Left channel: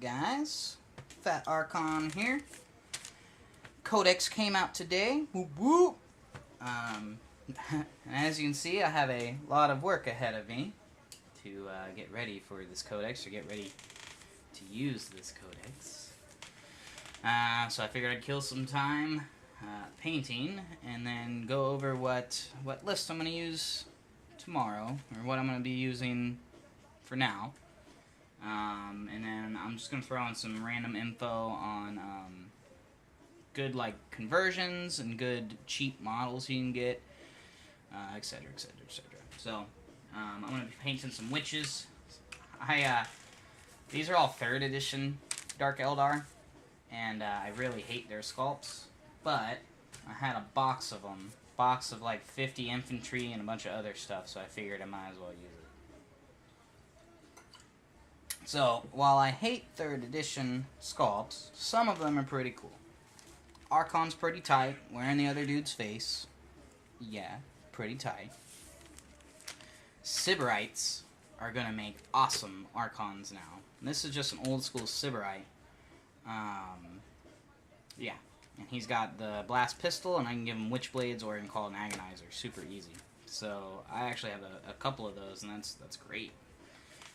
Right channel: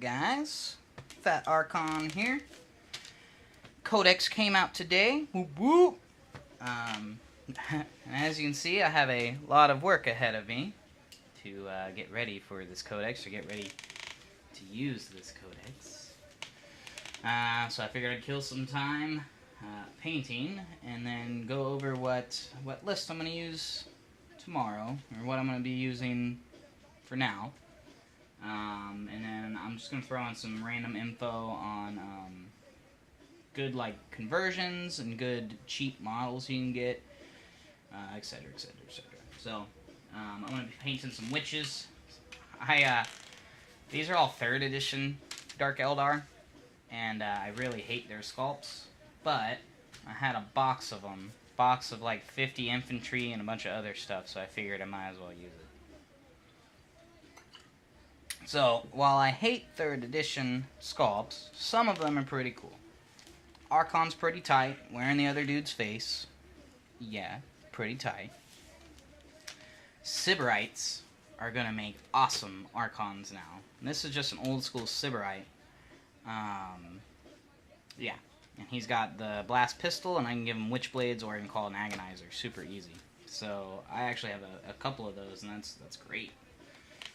guys? Fat Archon here. Codex came out today. Whoop whoop. As you can see, I have a lot of work ahead of me to get ready for this Codex, or get ready to use this Codex. So I figured I'd kill some time painting, and then go over what list I'm going to use tomorrow, or what I'm going to be using for now. And then I'm just going to throw in some random info on good conversions and good cheap models you can get, etc, etc, etc. So I'm going to be painting some witches. These are all 3rd edition Dark Eldar, and I really hate their sculpts, but I had a box of them, of 50 infantry and a bunch of other stuff, so I figured I might as well use it. So, while I hate 3rd edition sculpts, some of them are pretty cool. Archon's pretty tight, wearing the other dude's face. Yeah, pretty tight. Sybarites are going to make awesome Archons now. And this is just an old school Sybarite. Yeah, and he's got the blast pistol, and I can give him Witchblades, or I can call it an Agonizer. Super easy. So, I actually have a couple of those, and that's great.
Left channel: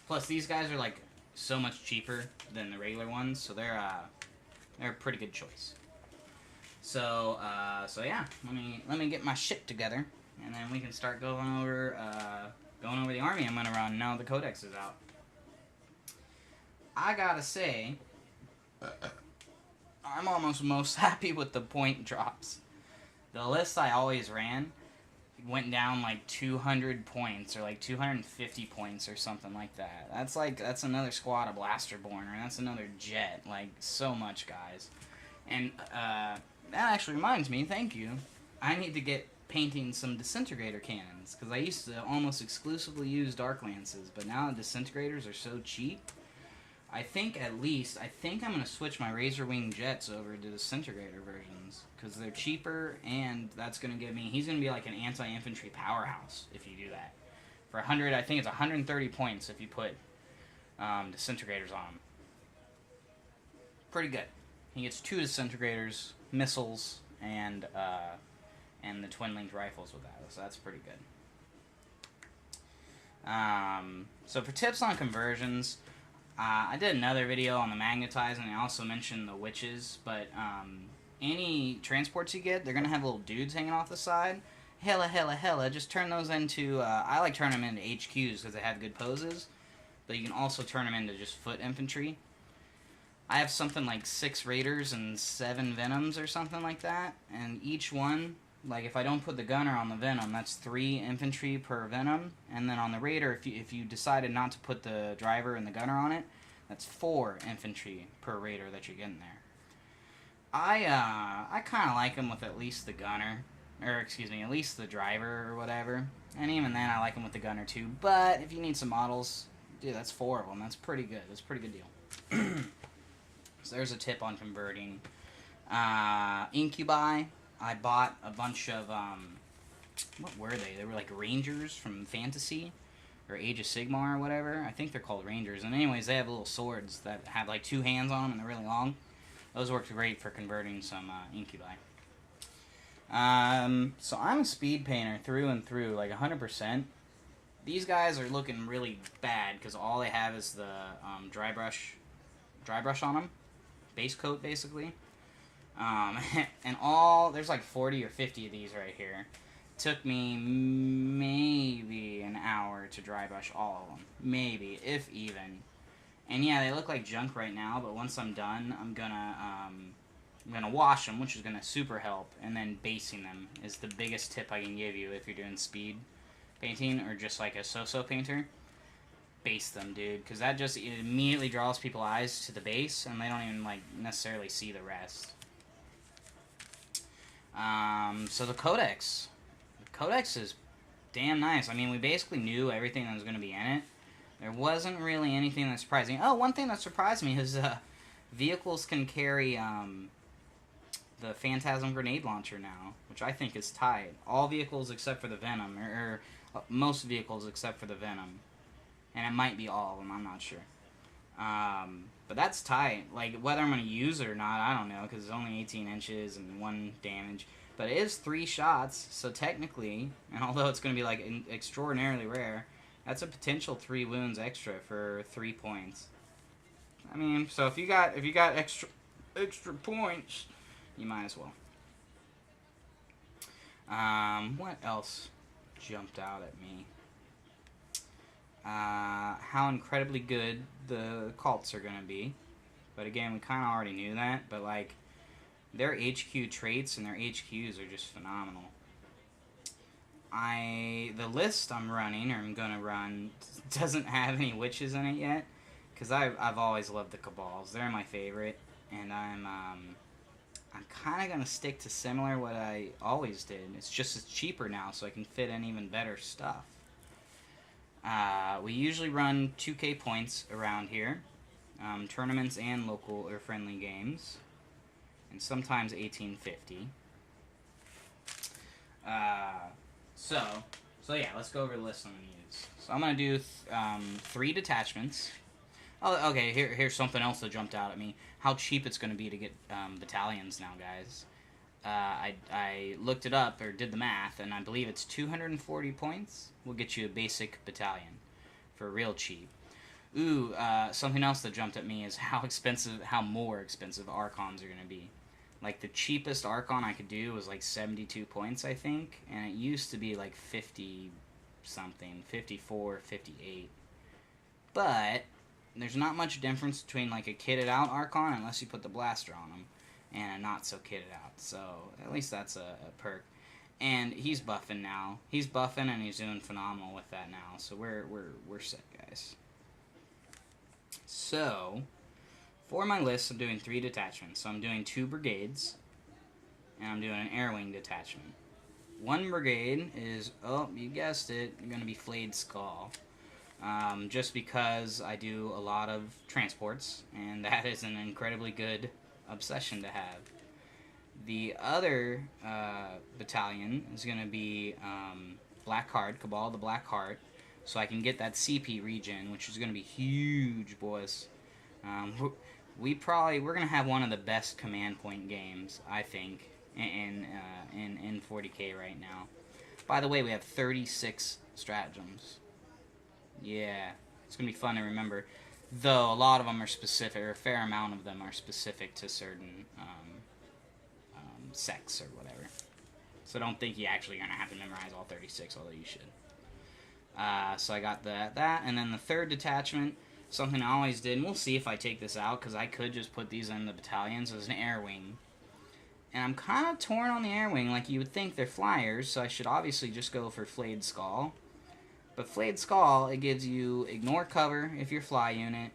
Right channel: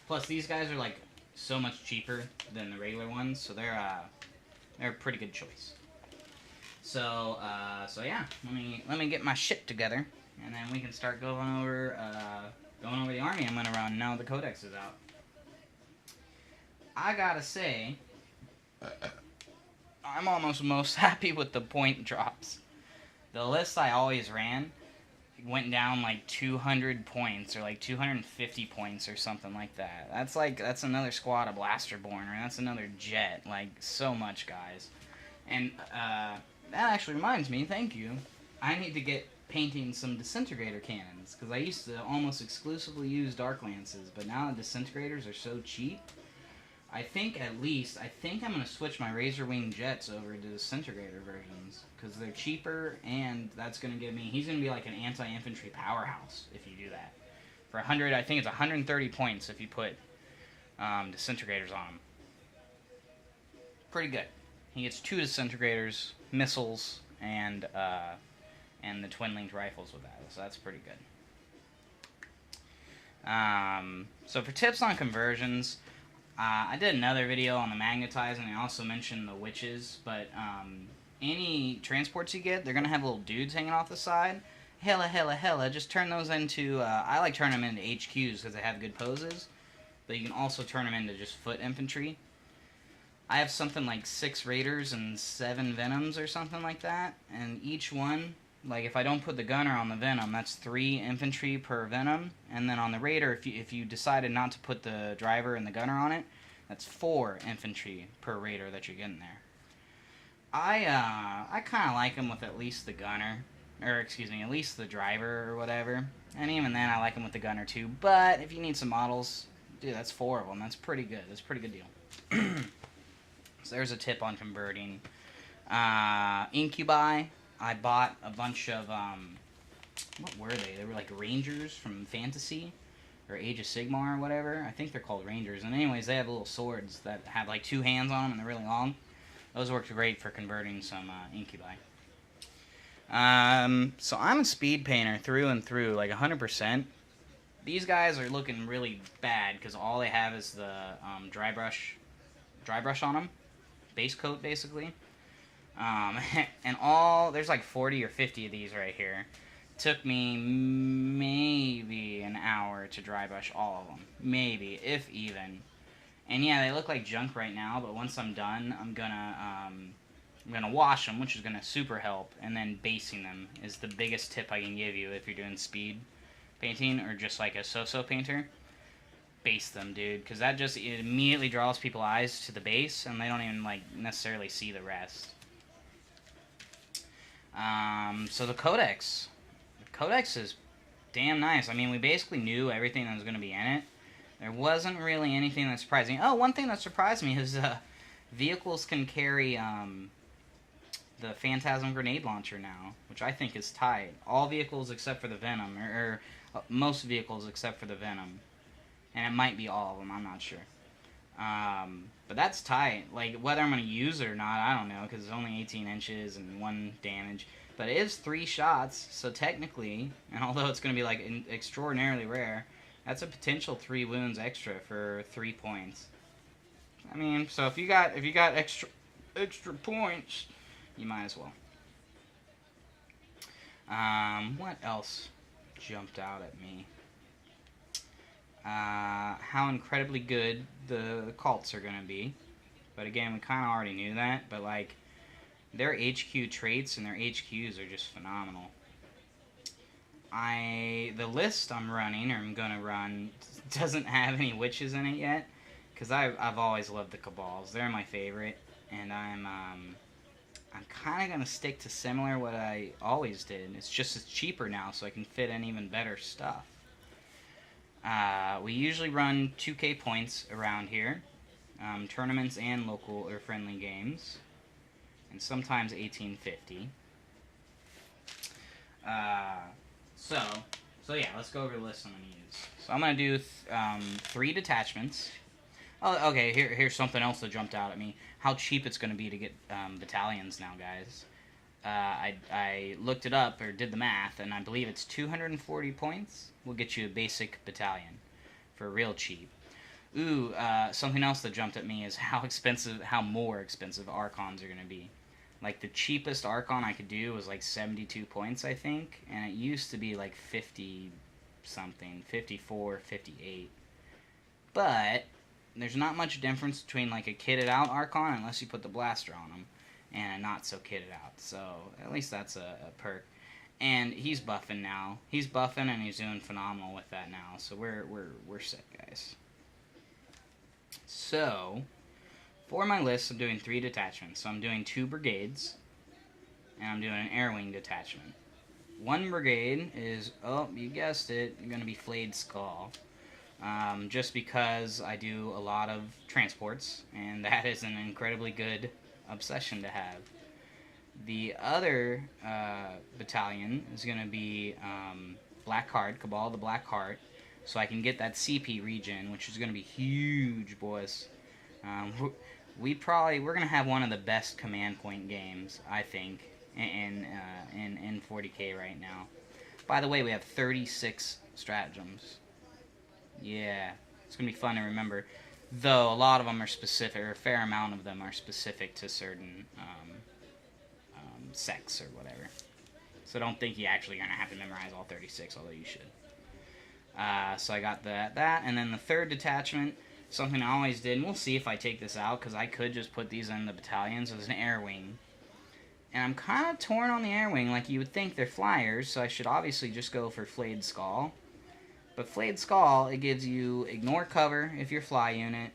Plus, these guys are so much cheaper than the regular ones, so they're a pretty good choice. So yeah, let me get my shit together, and then we can start going over the army I'm gonna run now the Codex is out. I gotta say, I'm almost most happy with the point drops. The list I always ran went down 200 points, or 250 points, or something like that. That's another squad of Blasterborn, or that's another jet. So much, guys. And that actually reminds me, thank you, I need to get painting some disintegrator cannons, because I used to almost exclusively use Dark Lances, but now the disintegrators are so cheap. I think I'm going to switch my Razorwing jets over to disintegrator versions, because they're cheaper, and that's going to give me, he's going to be like an anti-infantry powerhouse if you do that. For 100, I think it's 130 points if you put disintegrators on him. Pretty good. He gets 2 disintegrators, missiles, and the twin-linked rifles with that, so that's pretty good. So for tips on conversions, I did another video on the magnetizing, and I also mentioned the witches, but any transports you get, they're going to have little dudes hanging off the side. Hella, just turn those into, I like turning them into HQs because they have good poses, but you can also turn them into just foot infantry. I have something like 6 Raiders and 7 Venoms or something like that, and each one, if I don't put the gunner on the Venom, that's 3 infantry per Venom, and then on the Raider, if you decided not to put the driver and the gunner on it, that's 4 infantry per Raider that you're getting there. I kind of like them with at least the gunner, or excuse me, at least the driver or whatever, and even then I like them with the gunner too, but if you need some models, dude, that's 4 of them, that's pretty good, that's a pretty good deal. So there's a tip on converting. Incubi, I bought a bunch of, what were they? They were Rangers from Fantasy, or Age of Sigmar or whatever. I think they're called Rangers. And anyways, they have little swords that have 2 hands on them, and they're really long. Those worked great for converting some Incubi. So I'm a speed painter through and through, 100%. These guys are looking really bad, because all they have is the dry brush on them. Base coat, basically. And there's 40 or 50 of these right here. Took me maybe an hour to dry brush all of them. Maybe, if even. And yeah, they look like junk right now, but once I'm done, I'm gonna wash them, which is gonna super help, and then basing them is the biggest tip I can give you if you're doing speed painting, or just a so-so painter. Base them, dude, because it immediately draws people's eyes to the base, and they don't even necessarily see the rest. So the Codex is damn nice. I mean, we basically knew everything that was going to be in it. There wasn't really anything that surprised me. Oh, one thing that surprised me is vehicles can carry the Phantasm grenade launcher now, which I think is tight. All vehicles except for the Venom, or most vehicles except for the Venom. And it might be all of them, I'm not sure. But that's tight. Like, whether I'm going to use it or not, I don't know, because it's only 18 inches and 1 damage. But it is 3 shots, so technically, and although it's going to be, like, extraordinarily rare, that's a potential 3 wounds extra for 3 points. I mean, so if you got extra points, you might as well. What else jumped out at me? How incredibly good the cults are going to be. But again, we kind of already knew that. But, like, their HQ traits and their HQs are just phenomenal. The list I'm running, or I'm going to run, doesn't have any witches in it yet. Because I've always loved the Cabals. They're my favorite. And I'm kind of going to stick to similar what I always did. It's just it's cheaper now, so I can fit in even better stuff. We usually run 2K points around here. Tournaments and local or friendly games. And sometimes 1850. So yeah, let's go over the list I'm going to use. So I'm going to do 3 detachments. Oh, okay, here's something else that jumped out at me. How cheap it's going to be to get battalions now, guys. I looked it up, or did the math, and I believe it's 240 points will get you a basic battalion for real cheap. Ooh, something else that jumped at me is how more expensive Archons are going to be. Like, the cheapest Archon I could do was like 72 points, I think, and it used to be like 50-something, 54, 58. But there's not much difference between like a kitted out Archon unless you put the blaster on him, and a not so kitted out. So at least that's a perk. And he's buffing now. He's buffing and he's doing phenomenal with that now. So we're set, guys. So for my list, I'm doing 3 detachments. So I'm doing 2 brigades, and I'm doing an air wing detachment. 1 brigade is, oh, you guessed it, going to be Flayed Skull. Just because I do a lot of transports, and that is an incredibly good obsession to have. The other battalion is going to be Black Heart, Cabal the Black Heart, so I can get that CP regen, which is going to be huge, boys. We're going to have one of the best command point games, I think, in 40k right now. By the way, we have 36 stratagems. Yeah, it's going to be fun to remember. Though a lot of them are specific, or a fair amount of them are specific to certain sects or whatever. So don't think you're actually going to have to memorize all 36, although you should. So I got that, and then the 3rd detachment, something I always did, and we'll see if I take this out, because I could just put these in the battalions as an air wing. And I'm kind of torn on the air wing. Like, you would think they're flyers, so I should obviously just go for Flayed Skull. But Flayed Skull, it gives you ignore cover if you're fly unit,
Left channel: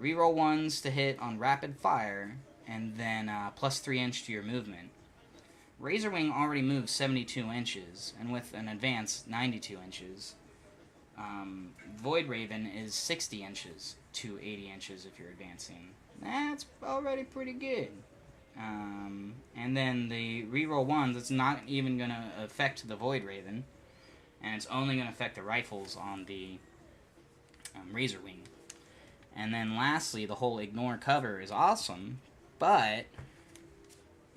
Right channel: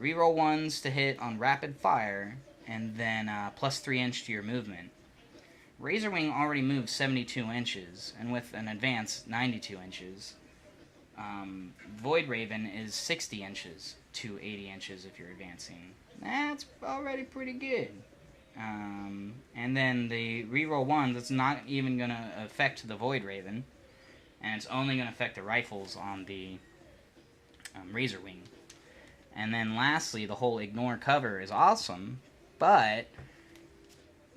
reroll 1s to hit on rapid fire, and then plus 3 inch to your movement. Razorwing already moves 72 inches, and with an advance 92 inches. Voidraven is 60 inches to 80 inches if you're advancing. That's already pretty good. And then the reroll 1s, that's not even going to affect the Voidraven, and it's only going to affect the rifles on the Razorwing. And then lastly, the whole ignore cover is awesome, but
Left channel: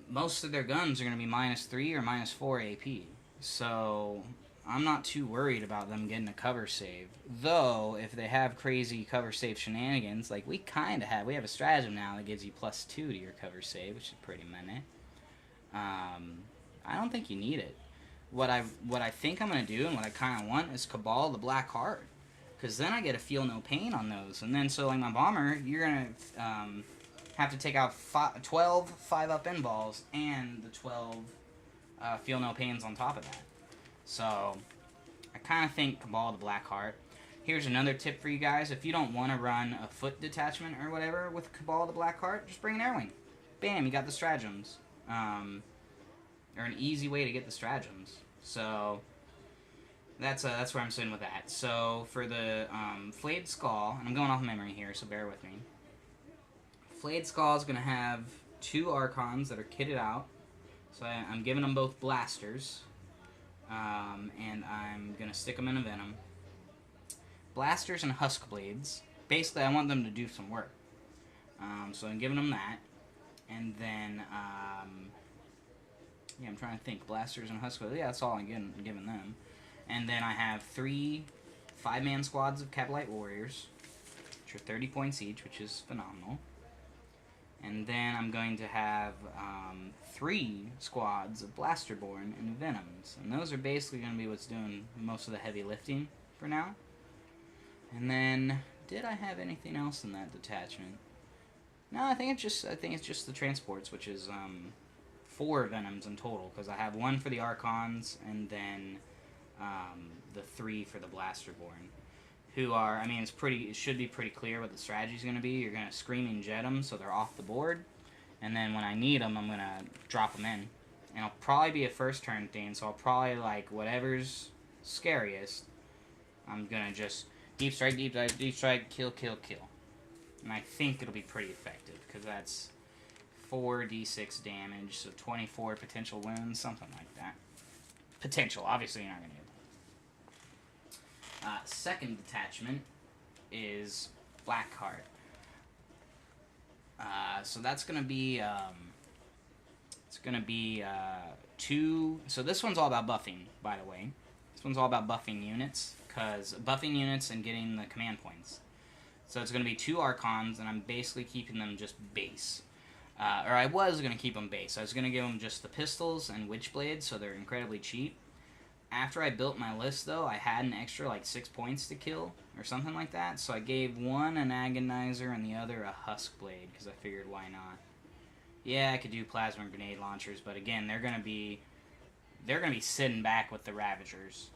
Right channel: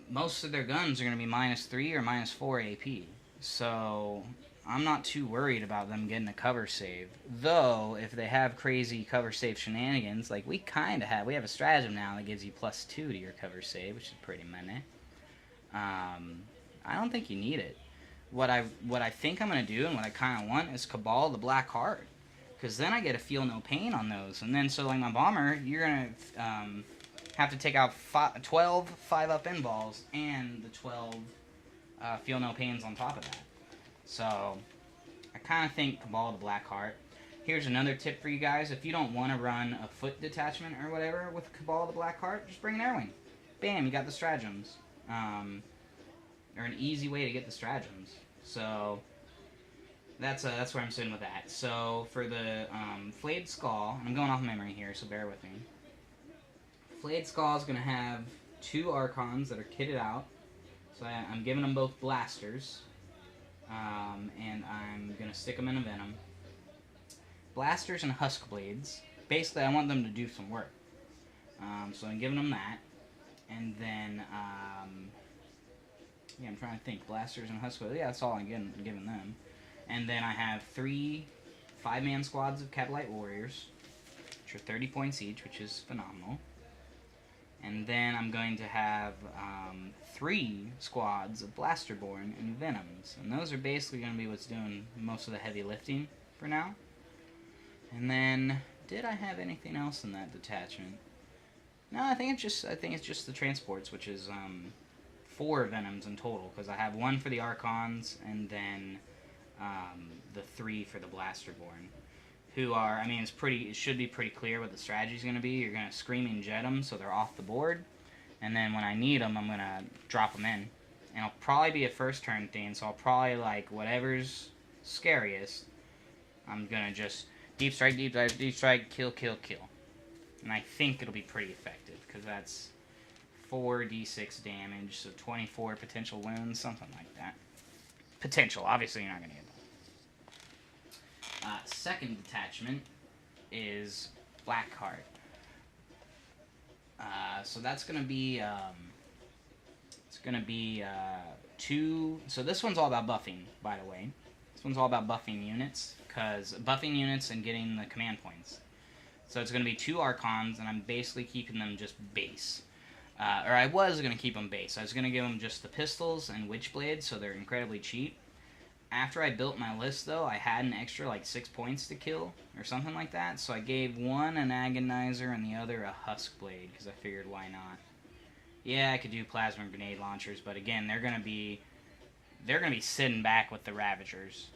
most of their guns are going to be -3 or -4 AP. So I'm not too worried about them getting a cover save. Though, if they have crazy cover save shenanigans, like we kind of have, we have a stratagem now that gives you +2 to your cover save, which is pretty meh. I don't think you need it. What I think I'm going to do, and what I kind of want, is Cabal the Black Heart. Because then I get to feel no pain on those. And then, so like my bomber, you're going to have to take out 12 5-up end balls and the 12 feel no pains on top of that. So I kind of think Cabal the Black Heart. Here's another tip for you guys. If you don't want to run a foot detachment or whatever with Cabal the Black Heart, just bring an air wing. Bam, you got the stratagems. Or an easy way to get the stratagems. So that's where I'm sitting with that. So for the Flayed Skull, and I'm going off memory here, so bear with me. Flayed Skull is going to have 2 Archons that are kitted out. So I'm giving them both blasters. And I'm going to stick them in a Venom. Blasters and Huskblades. basically, I want them to do some work. So I'm giving them that. And then, yeah, I'm trying to think. Blasters and Huskblade. Yeah, that's all I'm giving them. And then I have 3 5-man squads of Kabalite Warriors, which are 30 points each, which is phenomenal. And then I'm going to have 3 squads of Blasterborn and Venoms. And those are basically going to be what's doing most of the heavy lifting for now. And then, did I have anything else in that detachment? No, I think it's just the transports, which is 4 Venoms in total, because I have 1 for the Archons and then the 3 for the Blasterborn, who are, I mean, it should be pretty clear what the strategy is going to be. You're going to Screaming Jet them so they're off the board, and then when I need them, I'm going to drop them in. And it'll probably be a first turn thing, so I'll probably, like, whatever's scariest, I'm going to just deep strike, kill, kill, kill. And I think it'll be pretty effective, because that's 4d6 damage, so 24 potential wounds, something like that. Potential, obviously you're not going to get that. Second detachment is Blackheart. So that's going to be, it's going to be 2, so this one's all about buffing, by the way. This one's all about buffing units, because buffing units and getting the command points. So it's going to be 2 Archons, and I'm basically keeping them just base. Or I was going to keep them base. I was going to give them just the pistols and Witchblade, so they're incredibly cheap. After I built my list, though, I had an extra, like, 6 points to kill, or something like that. So I gave one an Agonizer and the other a Huskblade, because I figured why not. Yeah, I could do Plasma and Grenade Launchers, but again, they're going to be sitting back with the Ravagers,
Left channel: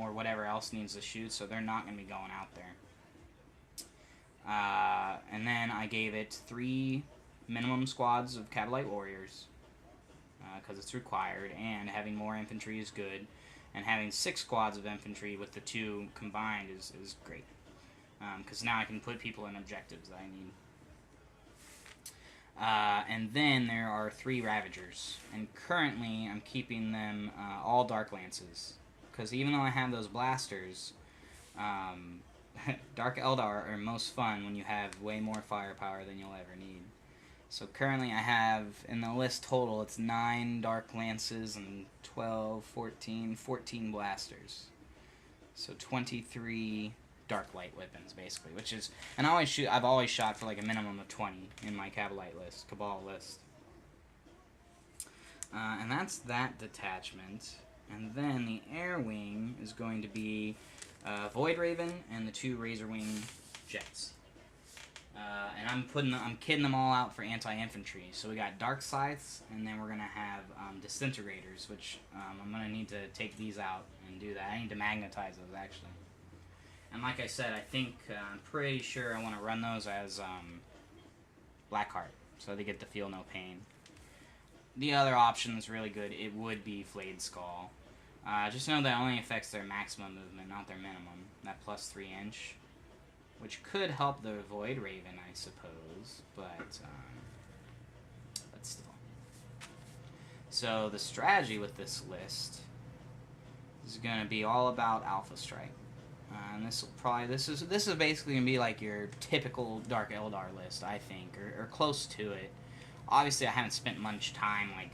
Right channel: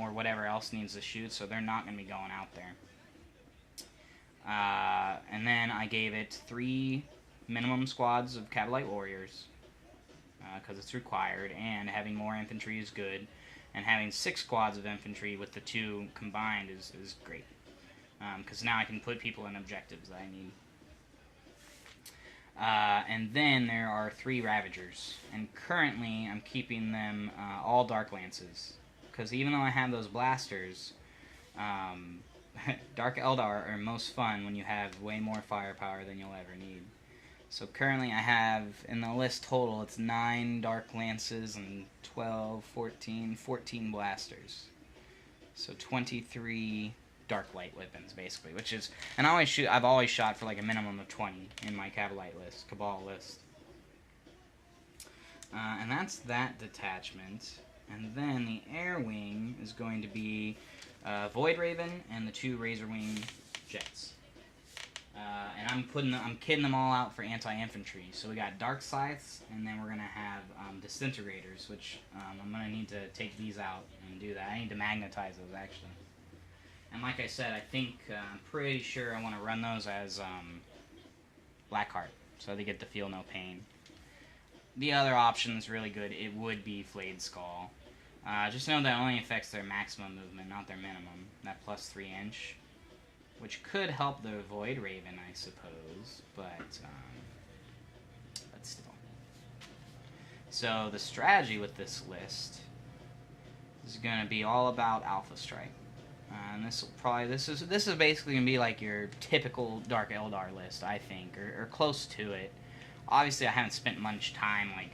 or whatever else needs to shoot, so they're not going to be going out there. And then I gave it 3 minimum squads of Kabalite Warriors, because it's required, and having more infantry is good, and having 6 squads of infantry with the 2 combined is great, because now I can put people in objectives that I need. And then there are 3 Ravagers, and currently I'm keeping them all Dark Lances, because even though I have those blasters, Dark Eldar are most fun when you have way more firepower than you'll ever need. So currently I have, in the list total, it's 9 Dark Lances and 12, 14 blasters. So 23 Dark Light weapons, basically, which is, and I've always shot for like a minimum of 20 in my Kabalite list, Cabal list. And that's that detachment. And then the Air Wing is going to be Voidraven and the 2 Razorwing jets. And I'm kidding them all out for anti-infantry. So we got Dark Scythes, and then we're going to have Disintegrators, which I'm going to need to take these out and do that. I need to magnetize those, actually. And like I said, I think, I'm pretty sure I want to run those as Blackheart, so they get to feel no pain. The other option is really good. It would be Flayed Skull. Just know that only affects their maximum movement, not their minimum. That plus 3 inch. Which could help the Voidraven, I suppose, but still. So the strategy with this list is going to be all about Alpha Strike. And this is basically going to be like your typical Dark Eldar list, I think, or close to it. Obviously, I haven't spent much time like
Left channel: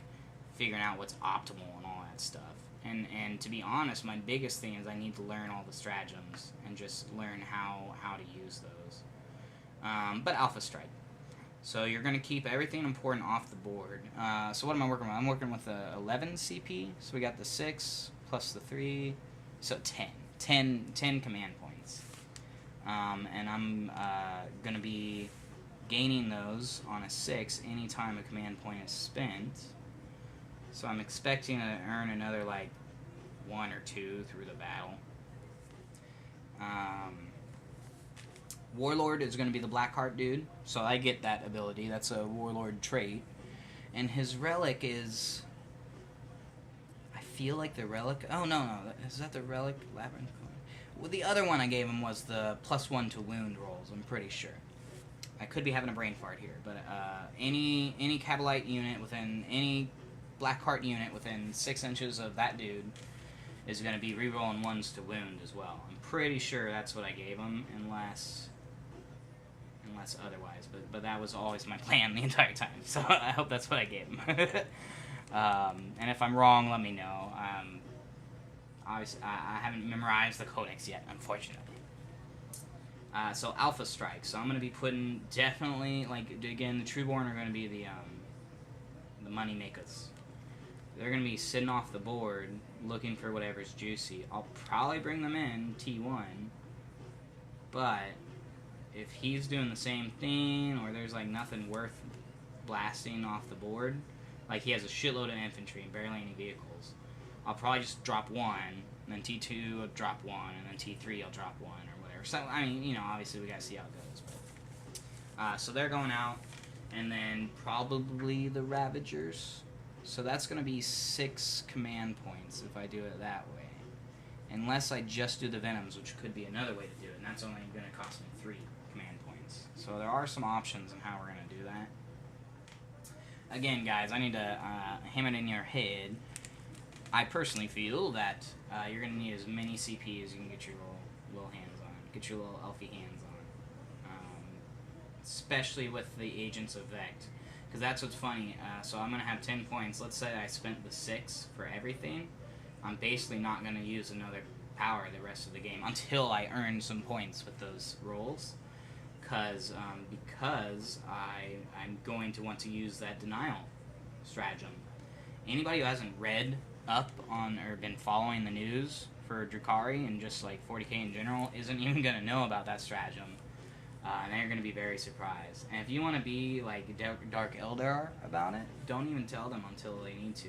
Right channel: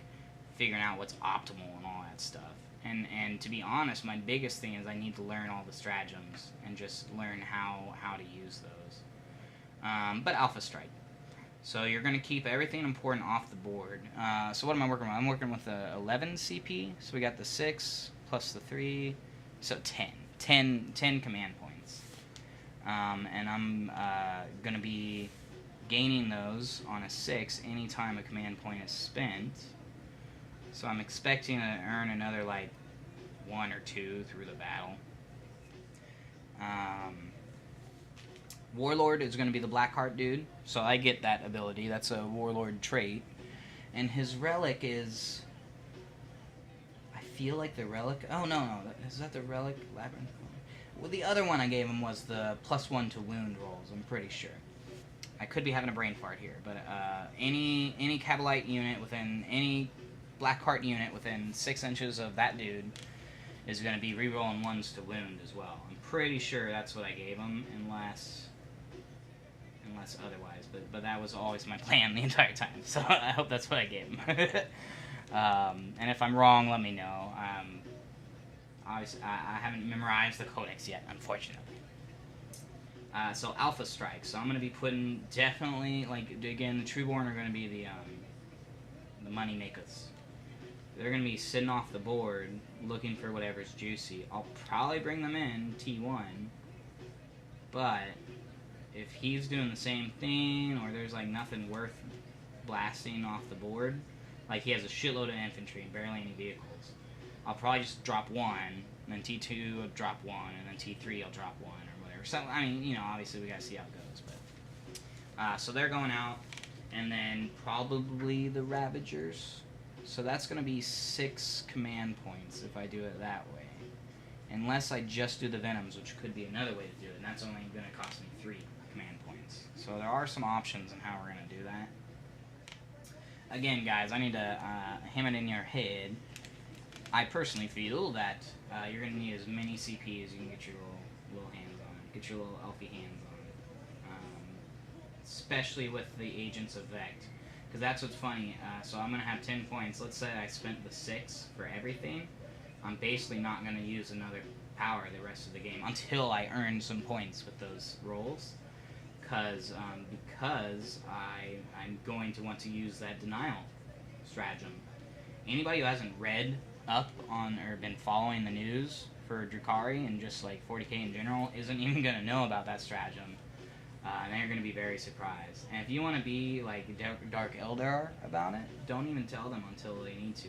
figuring out what's optimal and all that stuff. And to be honest, my biggest thing is I need to learn all the stratagems and just learn how to use those. But Alpha Strike. So you're going to keep everything important off the board. So what am I working with? I'm working with the 11 CP. So we got the 6 plus the 3. So 10 command points. And I'm going to be gaining those on a 6 anytime a command point is spent. So I'm expecting to earn another, like, 1 or 2 through the battle. Warlord is going to be the Blackheart dude, so I get that ability. That's a Warlord trait. And his Relic is... I feel like the Relic... Oh, no. Is that the Relic? Labyrinthe? Well, the other one I gave him was the +1 to wound rolls, I'm pretty sure. I could be having a brain fart here, but any Kabalite unit within... any Blackheart unit within 6 inches of that dude is going to be rerolling 1s to wound as well. I'm pretty sure that's what I gave him, unless... unless otherwise. But that was always my plan the entire time. So I hope that's what I gave him. And if I'm wrong, let me know. Obviously, I haven't memorized the Codex yet, unfortunately. So Alpha Strike. So I'm going to be putting definitely, like, again, the Trueborn are going to be the money makers. They're going to be sitting off the board looking for whatever's juicy. I'll probably bring them in T1, but if he's doing the same thing, or there's, like, nothing worth blasting off the board, like he has a shitload of infantry and barely any vehicles, I'll probably just drop one, then T2 I'll drop one, and then T3 I'll drop one, or whatever. So, I mean, you know, obviously we gotta see how it goes, but... so they're going out, and then probably the Ravagers. So that's going to be 6 command points if I do it that way. Unless I just do the Venoms, which could be another way to do it, and that's only going to cost me 3 command points. So there are some options in how we're going to do that. Again, guys, I need to hammer it in your head. I personally feel that you're going to need as many CP as you can get your little hands on. Get your little elfie hands on. Especially with the Agents of Vect. Because that's what's funny. So I'm going to have 10 points. Let's say I spent the 6 for everything. I'm basically not going to use another power the rest of the game until I earn some points with those rolls. Because I'm going to want to use that denial stratagem. Anybody who hasn't read up on or been following the news for Drukhari and just like 40k in general isn't even going to know about that stratagem. And they're going to be very surprised. And if you want to be like Dark Eldar about it, don't even tell them until they need to.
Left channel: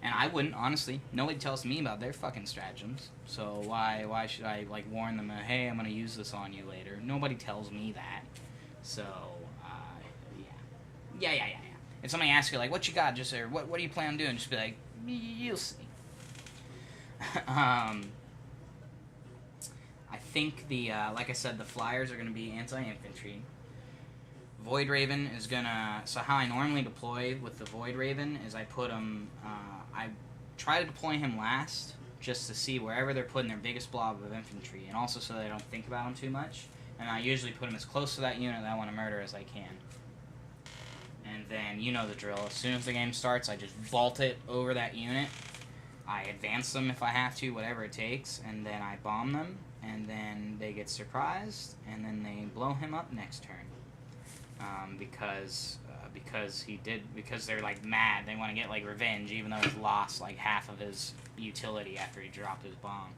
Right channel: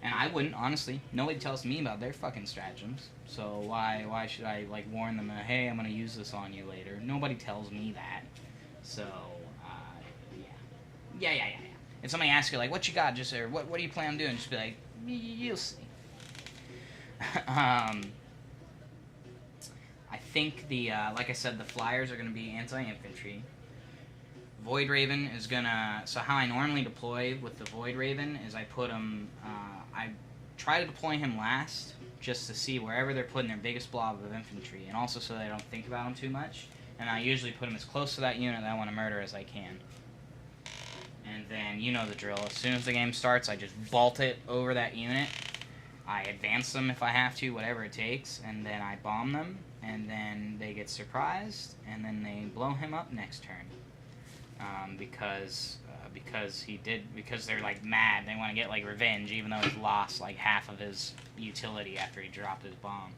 And I wouldn't, honestly. Nobody tells me about their fucking stratagems. So why should I like warn them, hey, I'm going to use this on you later? Nobody tells me that. So, yeah. If somebody asks you, like, what you got, just say, what do you plan on doing? Just be like, you'll see. I think like I said, the flyers are going to be anti-infantry. Voidraven is going to... So how I normally deploy with the Voidraven is I put him... I try to deploy him last, just to see wherever they're putting their biggest blob of infantry, and also so they don't think about him too much. And I usually put him as close to that unit that I want to murder as I can. And then, you know the drill. As soon as the game starts, I just vault it over that unit. I advance them if I have to, whatever it takes, and then I bomb them, and then they get surprised, and then they blow him up next turn. Because they're like mad, they want to get like revenge, even though he's lost like half of his utility after he dropped his bomb.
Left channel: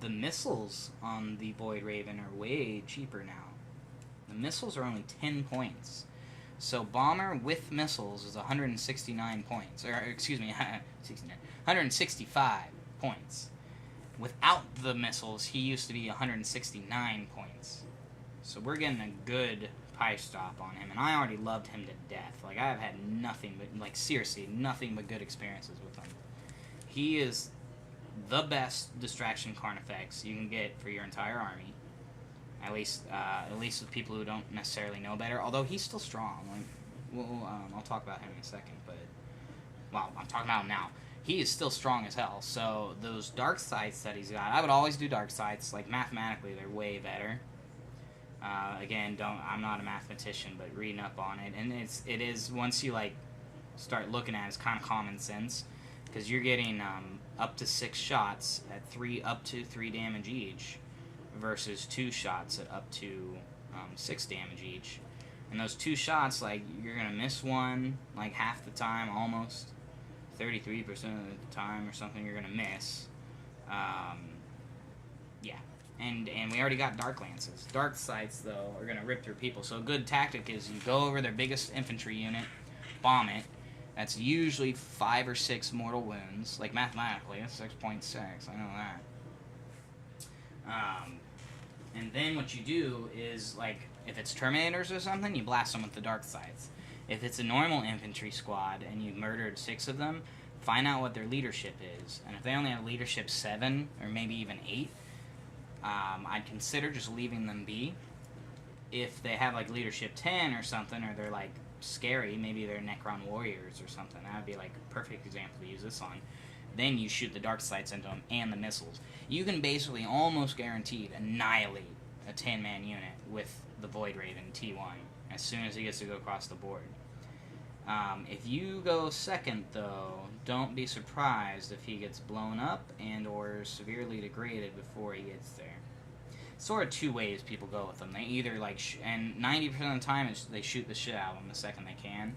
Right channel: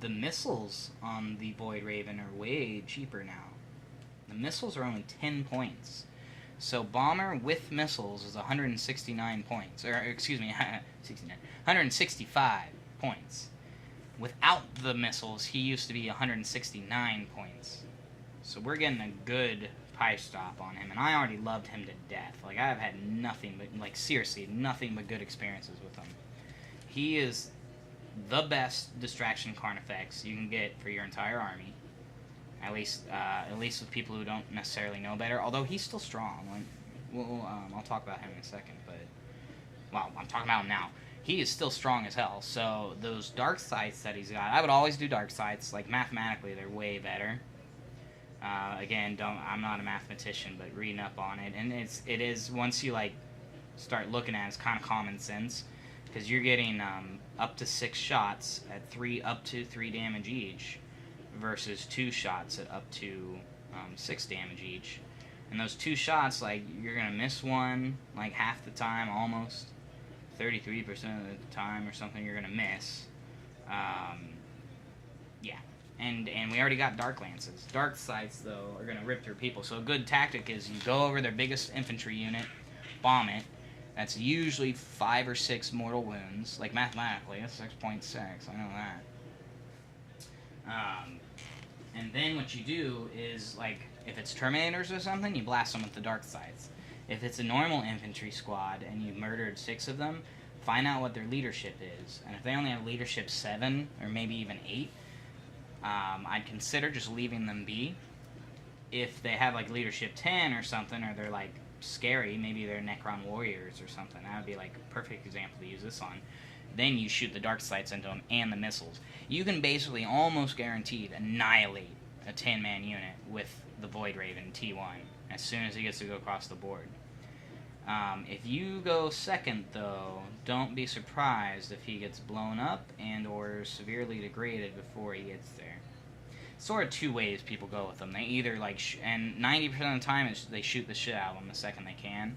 The missiles on the Voidraven are way cheaper now. The missiles are only 10 points. So Bomber with missiles is 169 points. Or, excuse me, 165 points. Without the missiles, he used to be 169 points. So we're getting a good pie stop on him. And I already loved him to death. Like, I've had nothing but, like, seriously, nothing but good experiences with him. He is the best distraction Carnifex you can get for your entire army. At least with people who don't necessarily know better. Although he's still strong. Like, I'll talk about him in a second. But, well, I'm talking about him now. He is still strong as hell. So those dark sights that he's got, I would always do dark sights. Like, mathematically, they're way better. Again, I'm not a mathematician, but reading up on it, and it is once you like start looking at it, it's kind of common sense, because you're getting up to 6 shots at up to 3 damage each, versus 2 shots at up to 6 damage each. And those 2 shots, like, you're gonna miss one like half the time, almost 33% of the time or something. You're gonna miss. Yeah. And we already got Dark Lances. Dark Sights, though, are going to rip through people. So a good tactic is you go over their biggest infantry unit, bomb it. That's usually 5 or 6 mortal wounds. Like, mathematically, that's 6.6. I know that. And then what you do is, like, if it's Terminators or something, you blast them with the Dark Sights. If it's a normal infantry squad and you've murdered 6 of them, find out what their leadership is. And if they only have leadership 7, or maybe even 8, I'd consider just leaving them be. If they have like leadership 10 or something, or they're like scary, maybe they're Necron Warriors or something, that would be like a perfect example to use this on. Then you shoot the Dark Sights into them and the missiles. You can basically almost guaranteed annihilate a 10-man unit with the Voidraven T1 as soon as he gets to go across the board. If you go second, though, don't be surprised if he gets blown up and or severely degraded before he gets there. Sort of two ways people go with them. They either, like, and 90% of the time they shoot the shit out of him the second they can.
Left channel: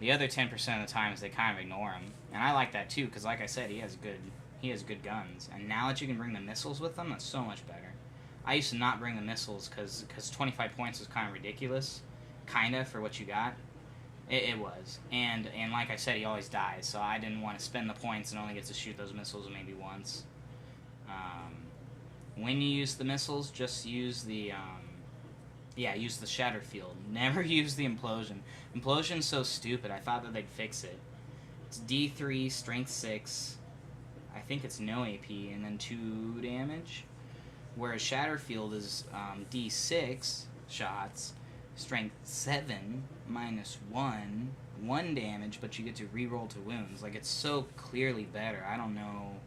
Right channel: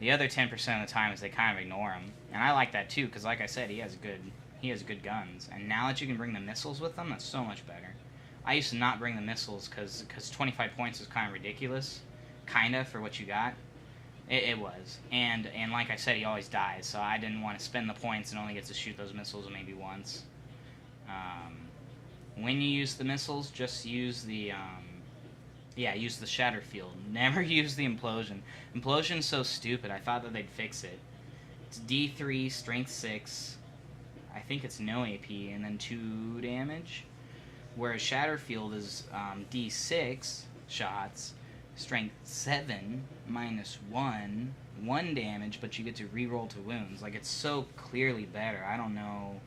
The other 10% of the time is they kind of ignore him. And I like that, too, because, like I said, he has good guns. And now that you can bring the missiles with them, that's so much better. I used to not bring the missiles because 25 points is kind of ridiculous. Kind of, for what you got. It was. And like I said, he always dies, so I didn't want to spend the points and only get to shoot those missiles maybe once. When you use the missiles, just use the, use the Shatter Field. Never use the Implosion. Implosion's so stupid, I thought that they'd fix it. It's D3, Strength 6, I think it's no AP, and then 2 damage. Whereas Shatter Field is D6 shots, Strength 7, -1, 1 damage, but you get to reroll to wounds. Like, it's so clearly better. I don't know.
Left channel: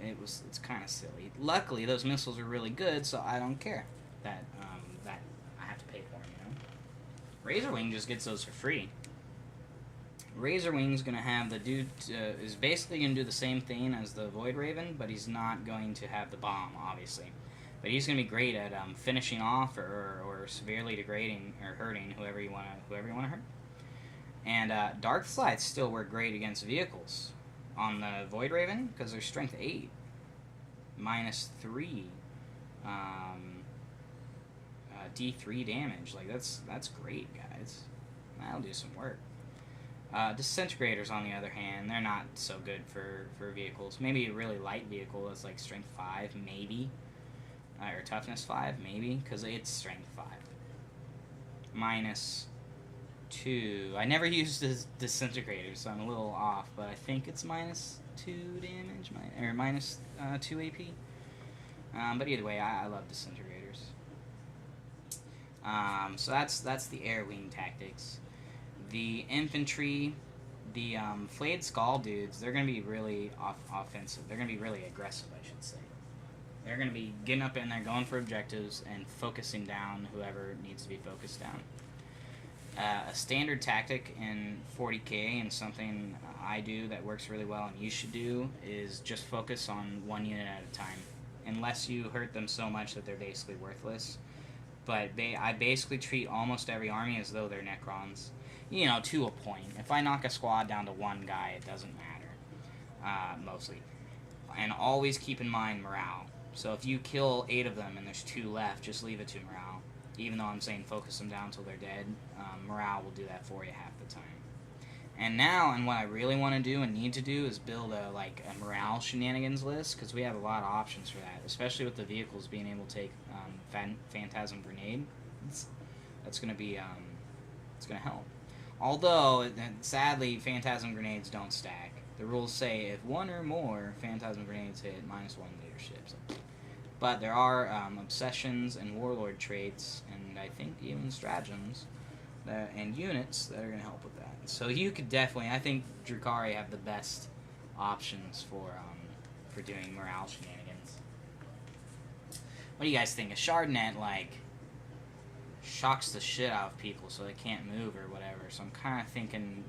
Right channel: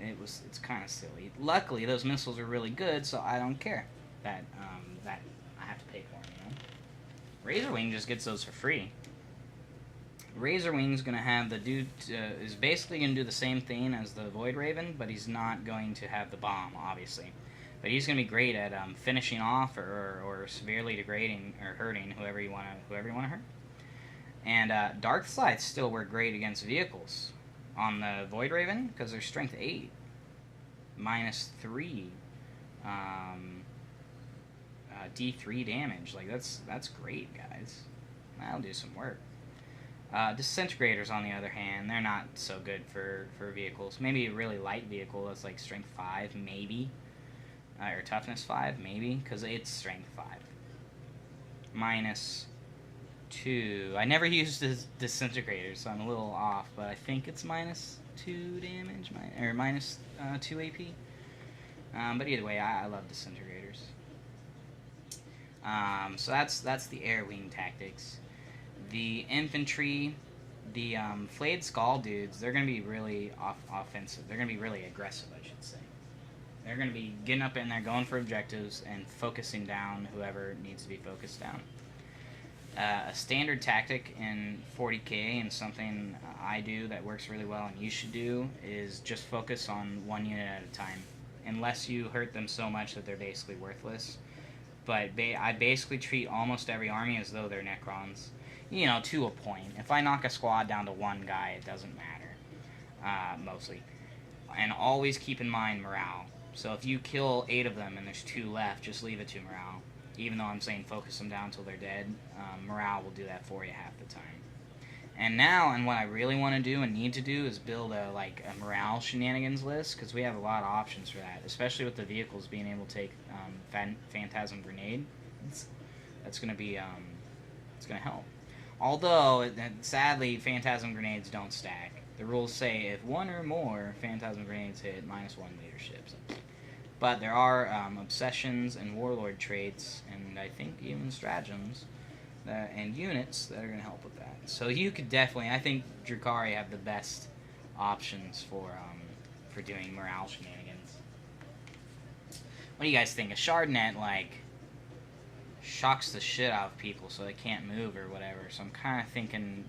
It's kind of silly. Luckily, those missiles are really good, so I don't care that I have to pay for them, you know? Razorwing just gets those for free. Razorwing's gonna have the dude, is basically gonna do the same thing as the Voidraven, but he's not going to have the bomb, obviously. But he's going to be great at finishing off or severely degrading or hurting whoever you want to hurt. And Dark Slides still work great against vehicles on the Voidraven because they're Strength 8, -3, D3 damage. Like that's great, guys. That'll do some work. Disintegrators, on the other hand, they're not so good for vehicles. Maybe a really light vehicle that's like Strength 5, maybe. Or Toughness 5, maybe, because it's Strength 5. -2. I never used this Disintegrators, so I'm a little off, but I think it's -2 damage, or -2 AP. But either way, I love Disintegrators. So that's the Air Wing tactics. The infantry, the Flayed Skull dudes, they're going to be really offensive. They're going to be really aggressive, I should say. They're going to be getting up in there, going for objectives, and focusing down whoever needs to be focused down. A standard tactic in 40k, and something I do that works really well and you should do, is just focus on one unit at a time. Unless you hurt them so much that they're basically worthless. But I basically treat almost every army as though they're Necrons. You know, to a point. If I knock a squad down to one guy, it doesn't matter. Mostly. And always keep in mind morale. So if you kill 8 of them and there's 2 left, just leave it to morale. Even though I'm saying focus them down until they're dead, morale will do that for you half the time. And now, and what I really want to do and need to do is build a morale shenanigans list, because we have a lot of options for that, especially with the vehicles being able to take Phantasm Grenade. That's going to be, it's going to help. Although, sadly, Phantasm Grenades don't stack. The rules say if 1 or more Phantasm Grenades hit, -1 leadership. So. But there are obsessions and warlord traits, and I think even stratagems and units that are going to help with that. So you could definitely, I think Drukhari have the best options for doing morale shenanigans. What do you guys think? A Shardnet, shocks the shit out of people so they can't move or whatever. So I'm kind of thinking,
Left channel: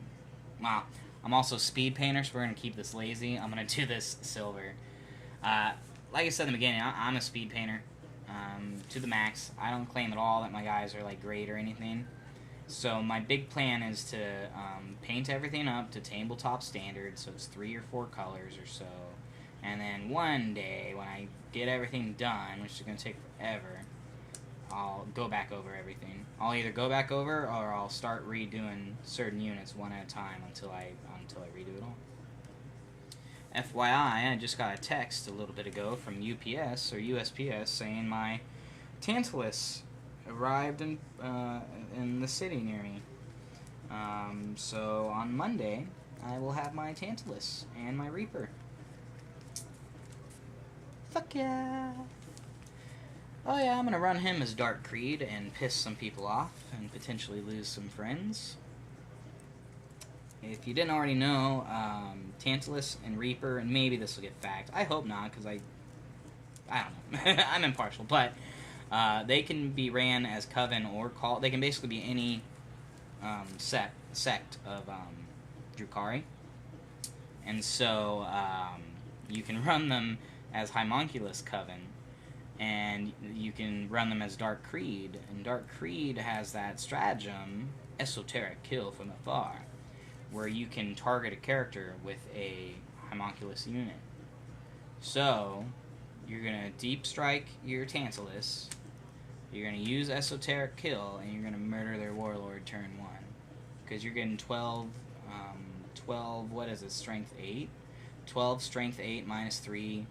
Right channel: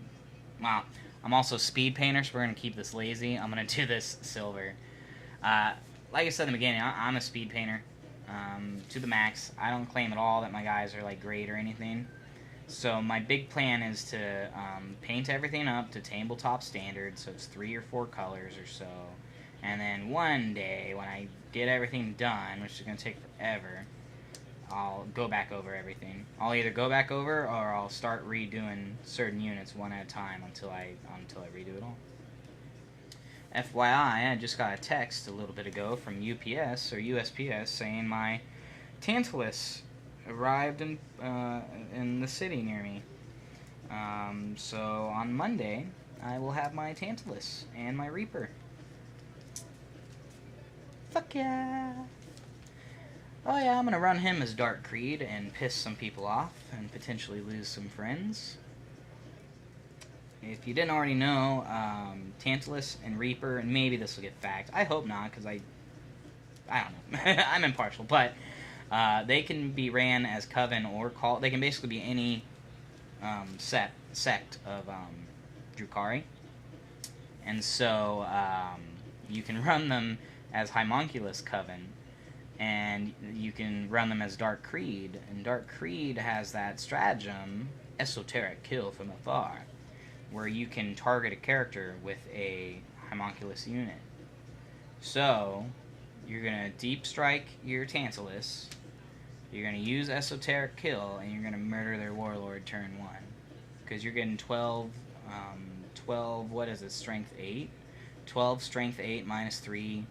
well, I'm also speed painter, so we're going to keep this lazy. I'm going to do this silver. Like I said in the beginning, I'm a speed painter to the max. I don't claim at all that my guys are great or anything. So my big plan is to paint everything up to tabletop standard, so it's 3 or 4 colors or so. And then one day, when I get everything done, which is going to take forever, I'll go back over everything. I'll either go back over or I'll start redoing certain units one at a time until I redo it all. FYI, I just got a text a little bit ago from UPS or USPS saying my Tantalus arrived in the city near me. So on Monday, I will have my Tantalus and my Reaper. Fuck yeah! Oh yeah, I'm gonna run him as Dark Creed and piss some people off and potentially lose some friends. If you didn't already know, Tantalus and Reaper, and maybe this will get fact. I hope not, because I don't know. I'm impartial, but They can be ran as Coven or Cult. They can basically be any sect of Drukhari. And so you can run them as Homunculus Coven, and you can run them as Dark Creed. And Dark Creed has that stratagem, Esoteric Kill from Afar, where you can target a character with a Homunculus unit. So, you're going to Deep Strike your Tantalus, you're going to use Esoteric Kill, and you're going to murder their Warlord turn 1. Because you're getting 12, what is it, Strength 8? 12 Strength 8 minus 3,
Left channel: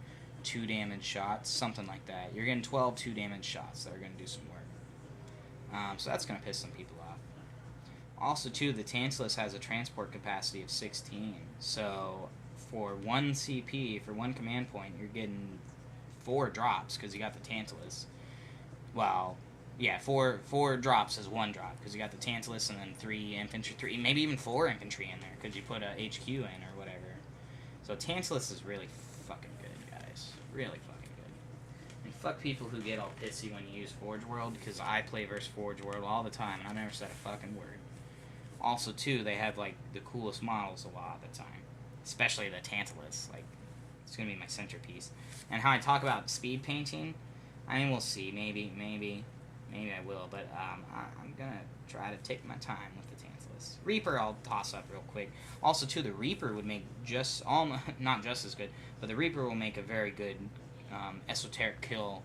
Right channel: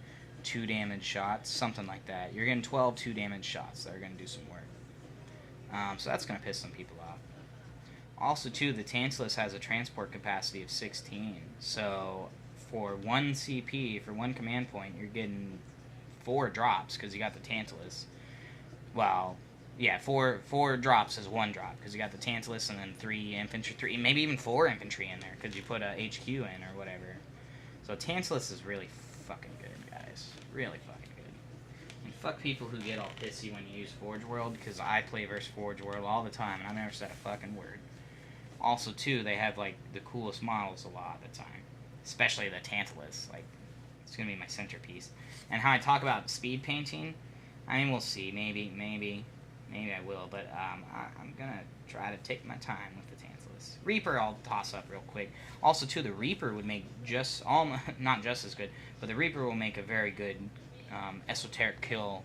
2 damage shots, something like that. You're getting 12 2 damage shots that are going to do some work. So that's going to piss some people off. Also, too, the Tantalus has a transport capacity of 16. So, for 1 CP, for 1 command point, you're getting 4 drops because you got the Tantalus. Well, yeah, 4 drops is 1 drop because you got the Tantalus and then 3 infantry, maybe even 4 infantry in there because you put a HQ in or whatever. So Tantalus is really fucking good, guys. Really fucking good. And fuck people who get all pissy when you use Forge World, because I play versus Forge World all the time and I've never said a fucking word. Also, too, they have, like, the coolest models a lot of the time. Especially the Tantalus. Like, it's gonna be my centerpiece. And how I talk about speed painting, I mean, we'll see. Maybe I will, but I'm gonna try to take my time with the Tantalus. Reaper I'll toss up real quick. Also, too, the Reaper would make not just as good, but the Reaper will make a very good Esoteric Kill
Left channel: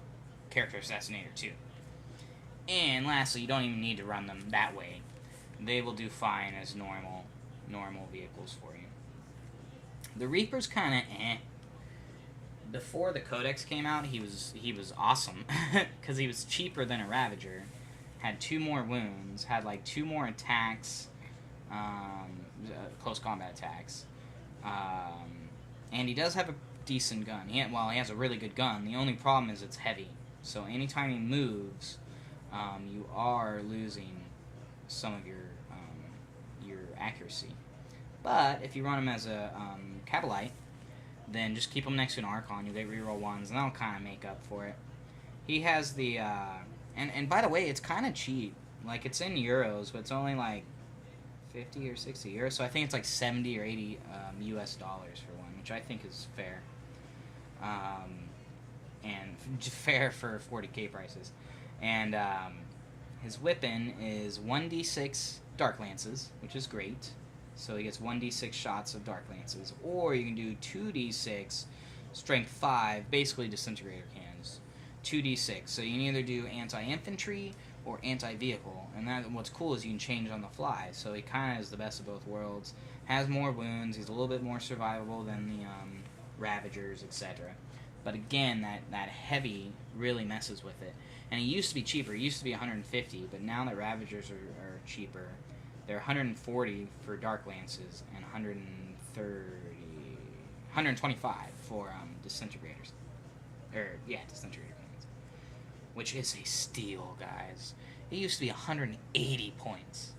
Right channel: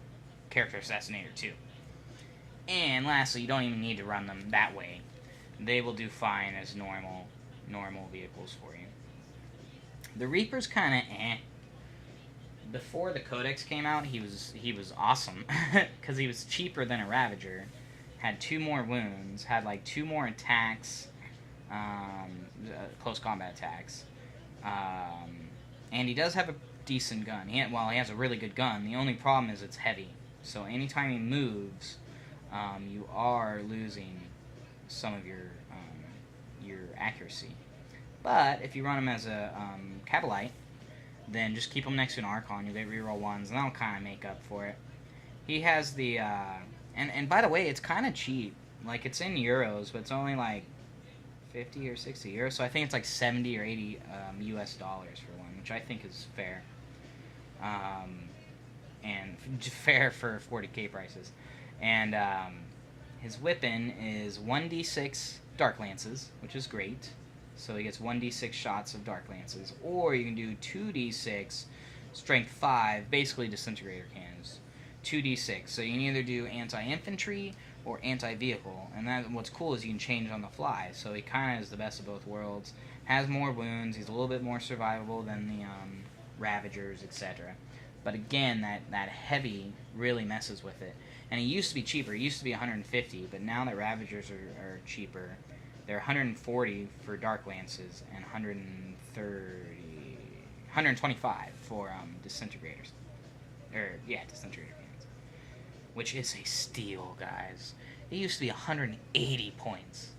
character assassinator, too. And lastly, you don't even need to run them that way. They will do fine as normal vehicles for you. The Reaper's kind of eh. Before the Codex came out, he was awesome because he was cheaper than a Ravager, had 2 more wounds, had like 2 more attacks, close combat attacks, and he does have a decent gun. He has a really good gun. The only problem is it's heavy, so anytime he moves, you are losing some of your accuracy. But if you run him as a Kabalite, then just keep him next to an Archon. They reroll 1s, and that'll kind of make up for it. He has the and by the way, it's kind of cheap. Like, it's in euros, but it's only like 50 or 60 euros. So I think it's like 70 or 80 US dollars for one, which I think is fair. And fair for 40k prices. And his weapon is 1d6 Dark Lances, which is great. So he gets 1d6 shots of Dark Lances. Or you can do 2d6 Strength 5, basically Disintegrator Cannons. 2d6. So you can either do anti-infantry or anti-vehicle. And what's cool is you can change on the fly. So he kind of is the best of both worlds. Has more wounds. He's a little bit more survivable than the Ravagers, etc. But again, that heavy really messes with it. And it used to be cheaper. It used to be 150, but now that Ravagers are cheaper, they're 140 for Dark Lances and 125 for Disintegrators. Disintegrator Cannons. Which is a steal, guys. It used to be 180 points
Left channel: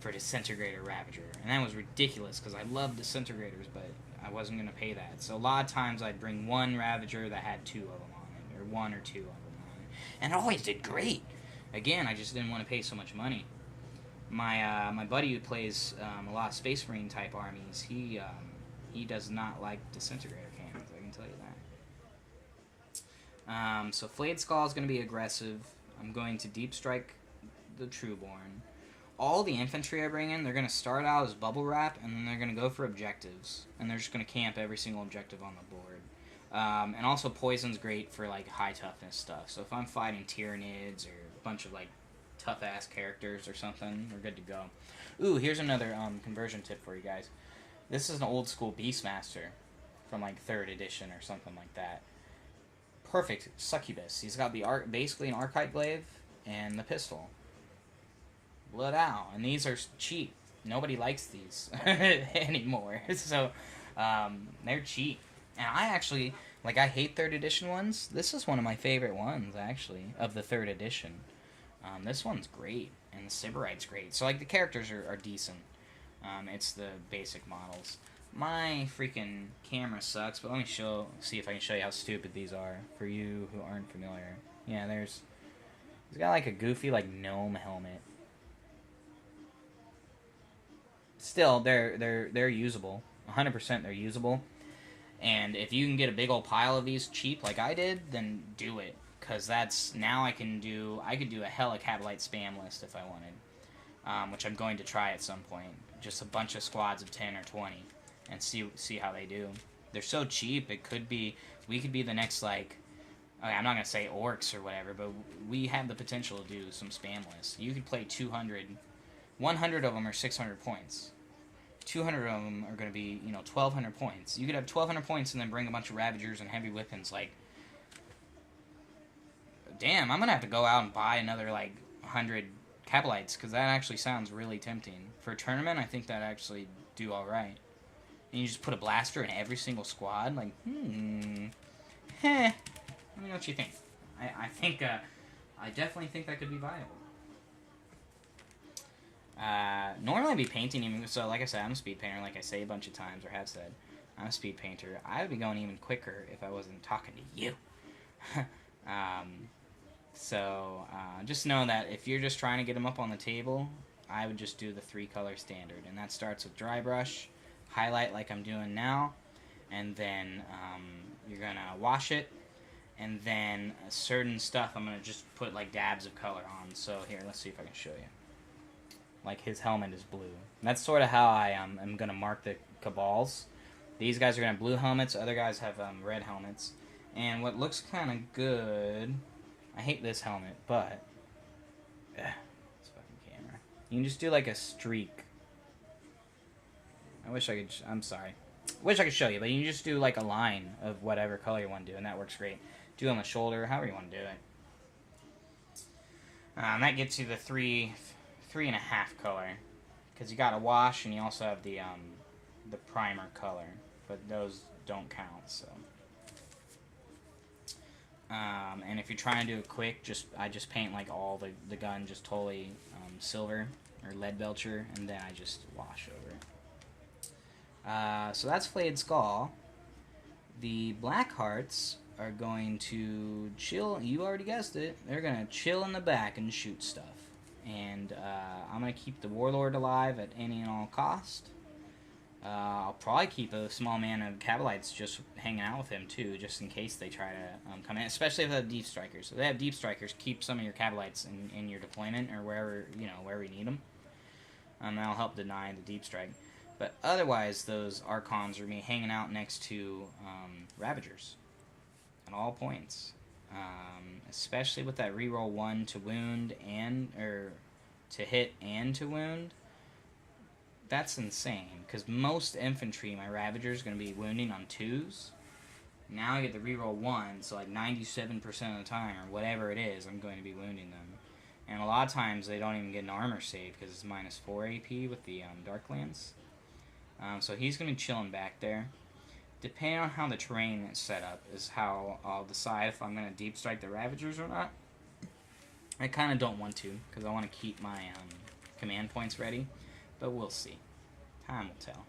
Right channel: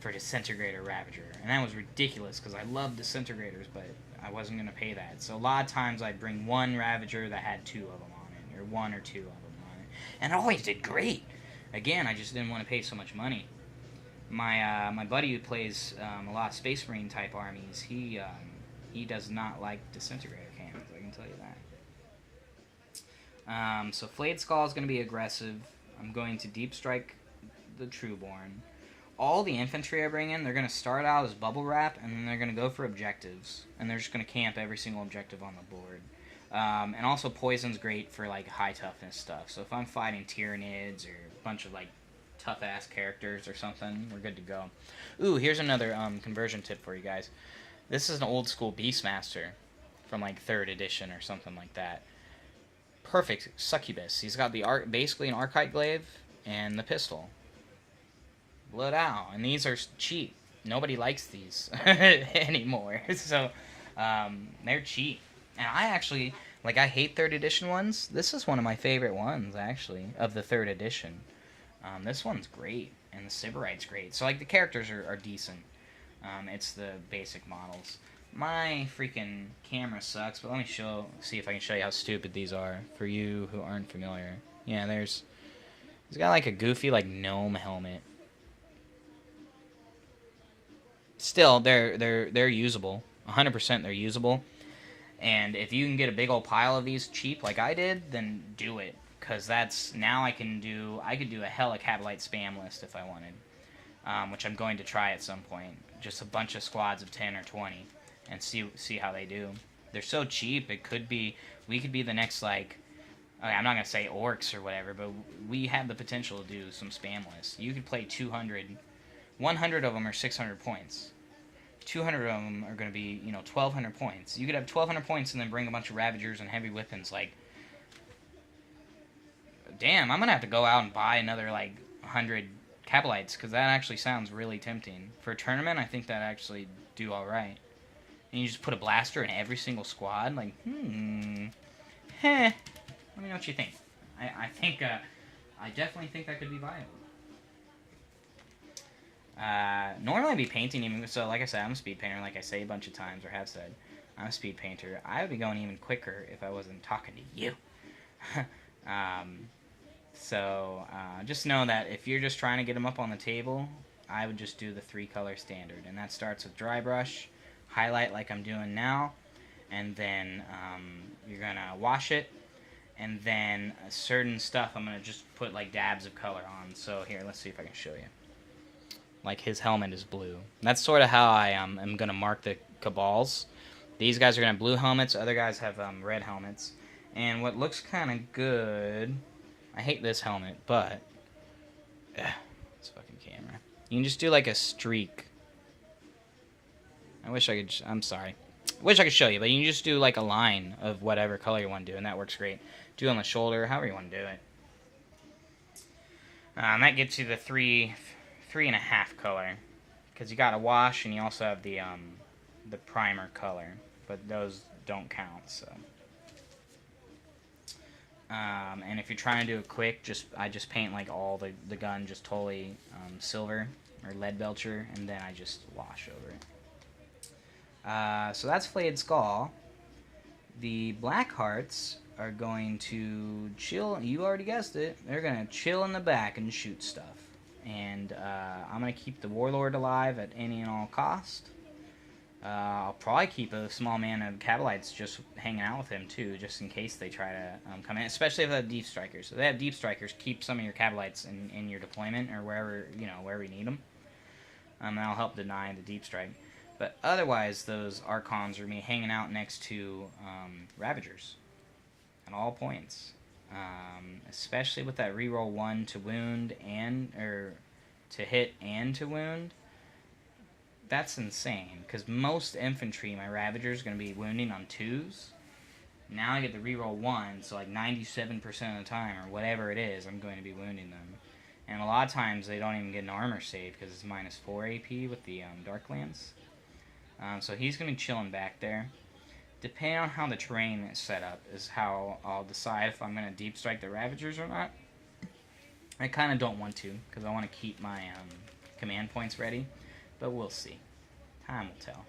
for Disintegrator Ravager, and that was ridiculous because I love Disintegrators, but I wasn't going to pay that. So a lot of times I'd bring one Ravager that had 2 of them on it, or 1 or 2 of them on it, and it always did great. Again, I just didn't want to pay so much money. My buddy who plays a lot of Space Marine type armies, he does not like Disintegrator Cannons, I can tell you that. So Flayed Skull is going to be aggressive. I'm going to Deep Strike the Trueborn. All the infantry I bring in, they're going to start out as Bubble Wrap, and then they're going to go for objectives. And they're just going to camp every single objective on the board. And also Poison's great for like high toughness stuff. So if I'm fighting Tyranids or a bunch of like tough-ass characters or something, we're good to go. Ooh, here's another conversion tip for you guys. This is an old-school Beastmaster from, like, 3rd edition or something like that. Perfect succubus. He's got the basically an Archite Glaive and the pistol. Blood out. And these are cheap. Nobody likes these anymore. So, they're cheap. And I actually, like, I hate 3rd edition ones. This is one of my favorite ones, actually, of the 3rd edition. This one's great, and the Sybarite's great. So, like, the characters are decent. It's the basic models. My freaking camera sucks, but let me see if I can show you how stupid these are for you who aren't familiar. Yeah, there's He's got like a goofy like gnome helmet. Still, they're usable. 100% they're usable. And if you can get a big old pile of these cheap like I did, then do it. Because that's, now I could do a hella Kabalite spam list if I wanted. Which I'm going to try at some point. Just a bunch of squads of 10 or 20. And see how they do. They're so cheap, we could be the next, like, okay, I'm not going to say orcs or whatever, but we have the potential to do some spam lists. You could play 200, 100 of them are 600 points. 200 of them are going to be, 1,200 points. You could have 1,200 points and then bring a bunch of Ravagers and heavy weapons. Like, damn, I'm going to have to go out and buy another, 100 Kabalites, because that actually sounds really tempting. For a tournament, I think that actually do alright. And you just put a blaster in every single squad? Like, Let me know what you think. I think, I definitely think that could be viable. Normally I'd be painting even, so like I said, I'm a speed painter, like I say a bunch of times, or have said. I'm a speed painter. I would be going even quicker if I wasn't talking to you. Just know that if you're just trying to get them up on the table, I would just do the 3-color standard. And that starts with dry brush, highlight like I'm doing now, and then you're going to wash it, and then certain stuff I'm going to just put like dabs of color on. So here, let's see if I can show you. Like his helmet is blue. That's sort of how I am going to mark the Cabals. These guys are going to have blue helmets. Other guys have red helmets. And what looks kind of good... I hate this helmet, but... This fucking camera. You can just do like a streak. I wish I could... I'm sorry. Wish I could show you, but you can just do like a line of whatever color you want to do, and that works great. Do it on the shoulder, however you want to do it. That gets you the 3.5 color, because you got a wash and you also have the primer color, but those don't count. So and if you're trying to do it quick, I just paint like all the gun just totally silver or lead belcher, and then I just wash over it. So that's Flayed Skull. The Black Hearts are going to chill. You already guessed it. They're going to chill in the back and shoot stuff. And I'm going to keep the Warlord alive at any and all cost. I'll probably keep a small man of Kabalites just hanging out with him too, just in case they try to come in, especially if they have Deep Strikers. So if they have Deep Strikers, keep some of your Kabalites in your deployment or wherever you need them. And that'll help deny the Deep Strike. But otherwise, those Archons are going to be hanging out next to Ravagers at all points. Especially with that reroll 1 to wound or to hit and to wound. That's insane, because most infantry, my Ravagers, are going to be wounding on 2s. Now I get to reroll 1, so like 97% of the time, or whatever it is, I'm going to be wounding them. And a lot of times they don't even get an armor save, because it's -4 AP with the Dark Lance. So he's going to be chilling back there. Depending on how the terrain is set up is how I'll decide if I'm going to deep strike the Ravagers or not. I kind of don't want to, because I want to keep my command points ready. But we'll see. Time will tell.